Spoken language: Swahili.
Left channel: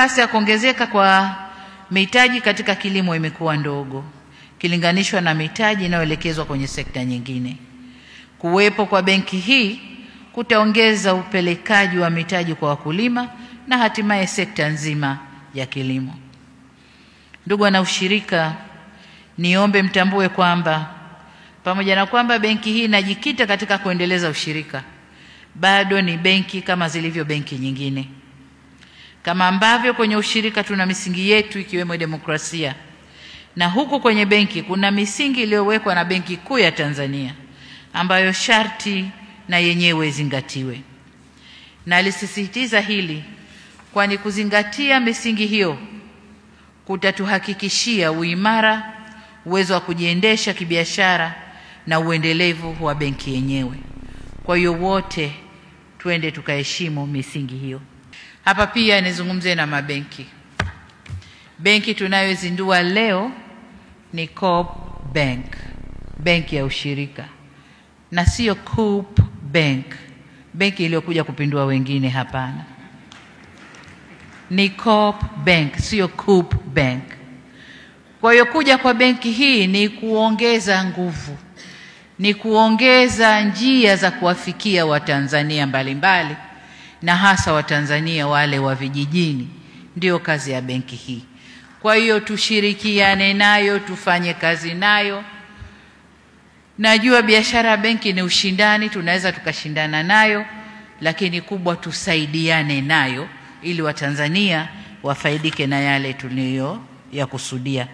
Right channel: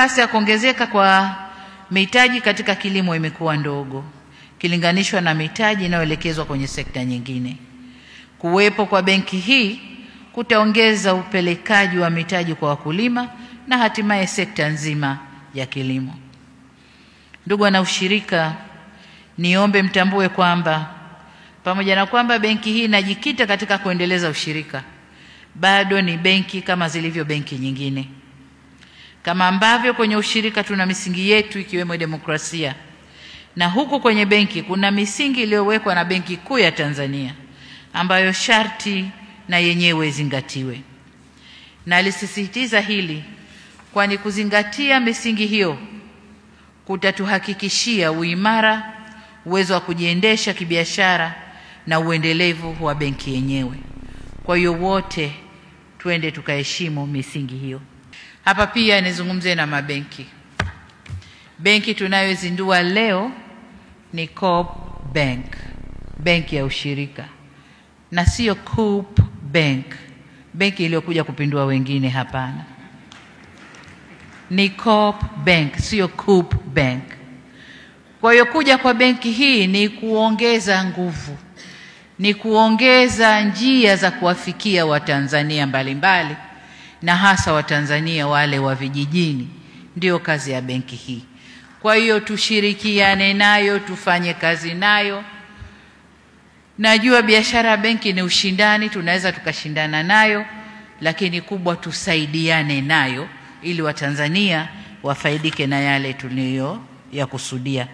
kasi ya kuongezeka kwa mitaji katika kilimo imekuwa ndogo kilinganishwa na mitaji inayoelekezwa kwenye sekta nyingine. Kuwepo kwa benki hii kutaongeza upelekaji wa mitaji kwa wakulima na hatimaye sekta nzima ya kilimo. Ndugu wanaushirika, niombe mtambue kwamba pamoja na kwamba benki hii inajikita katika kuendeleza ushirika, bado ni benki kama zilivyo benki nyingine. Kama ambavyo kwenye ushirika tuna misingi yetu ikiwemo demokrasia, na huku kwenye benki kuna misingi iliyowekwa na Benki Kuu ya Tanzania ambayo sharti na yenyewe izingatiwe. Na alisisitiza hili kwani kuzingatia misingi hiyo kutatuhakikishia uimara, uwezo wa kujiendesha kibiashara na uendelevu wa benki yenyewe. Kwa hiyo wote twende tukaheshimu misingi hiyo. Hapa pia nizungumzie na mabenki. Benki tunayozindua leo ni Coop Bank, benki ya ushirika, na sio Coop Bank, benki iliyokuja kupindua wengine. Hapana, ni Coop Bank, sio Coop Bank. Kwa hiyo kuja kwa benki hii ni kuongeza nguvu, ni kuongeza njia za kuwafikia Watanzania mbalimbali na hasa Watanzania wale wa vijijini. Ndio kazi ya benki hii. Kwa hiyo tushirikiane nayo, tufanye kazi nayo. Najua biashara ya benki ni ushindani, tunaweza tukashindana nayo, lakini kubwa tusaidiane nayo ili Watanzania wafaidike na yale tuliyo ya kusudia.